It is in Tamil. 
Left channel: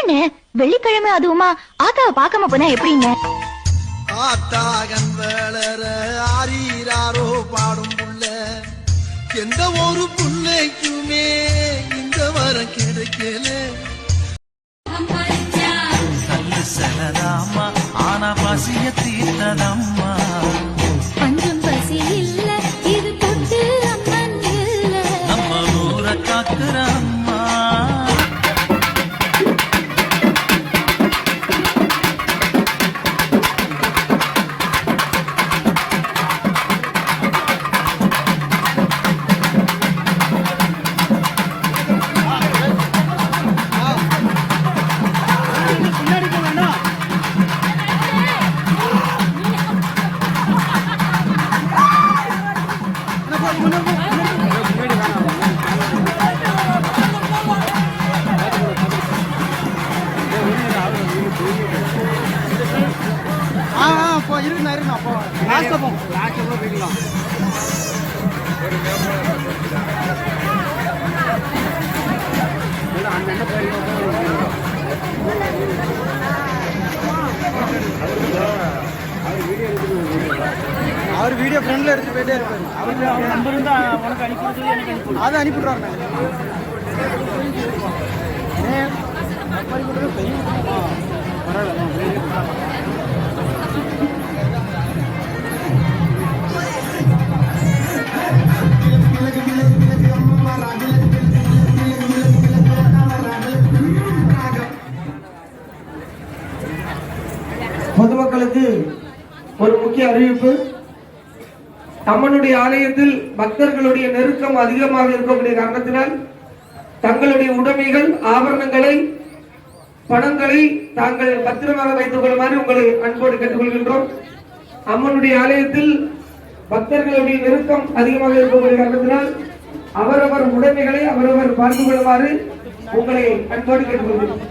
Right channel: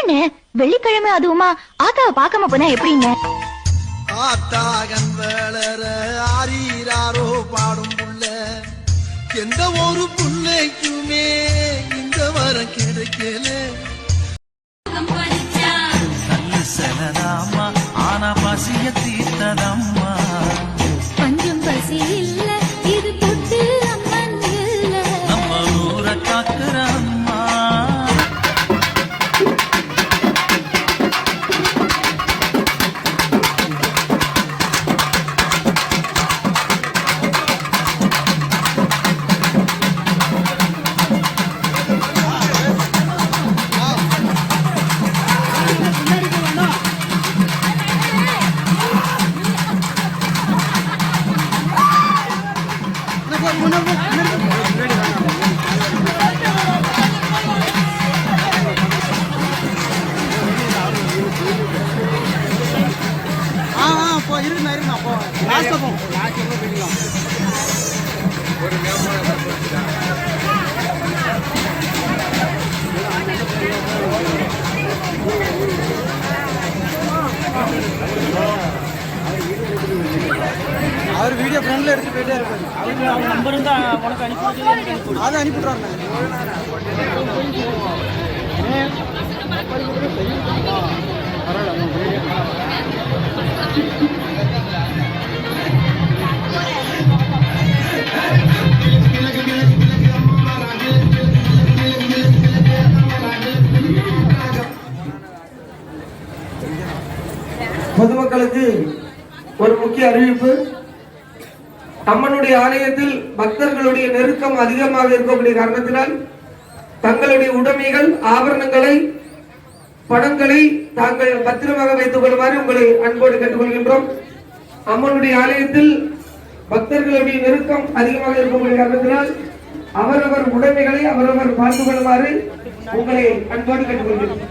என்னன்னு வெள்ளிக்கிழமை அதுவுமா ஆத்தாவை பார்க்காம போனா எப்படிங்க? ஆத்தாகன் வேளர ஆரீராரோ பாடும் புள்ள எந்த ஒரு புள்ளைக்குமே இந்த வரம் கிடைக்கல. கல்லு செலதாம்மா ஆனா பசிய தீர்த்ததம்மா. பஞ்சம் பசி இல்ல இது தொட்டு அம்மன் இல்ல நம்ம ஊரை காக்குற அம்மா. இருக்குண்ணா அப்போ லாஸ்ட்ல போகும். அவர் வீடியோ ஃப்ரெண்ட்ல எடுத்து போயிட்டே இருப்பாரு. அவர் நம்பர் இருந்தா உனக்கு அனுப்பி அதை அனுப்பிவிட்றாருண்ணே. பொதுமக்களுக்கு ஒரு முக்கிய அறிவிப்பு. அம்மனுடைய ஆலயத்தில் பக்தர்களுடைய நெருக்கம் அதிகமாக இருக்கக்கூடிய காரணத்தினால் தங்களுடைய உடைமைகள் ஆபரணங்களை பணங்களை தாங்கள் பத்திரமாக வைத்துக் கொள்ளுமாறு உங்களை அன்போடு கேட்டுக்கொள்கின்றோம். அம்மனுடைய ஆலயத்தில் பக்தர்களுடைய நெருக்கம் அதிகமாக இருக்கக்கூடிய காரணத்தினால் அவரவர் உடைமைகளை அவரவர் பார்த்துக் கொள்ளுமாறு உங்களை அன்போடு கேட்டுக்கொள்கிறோம்.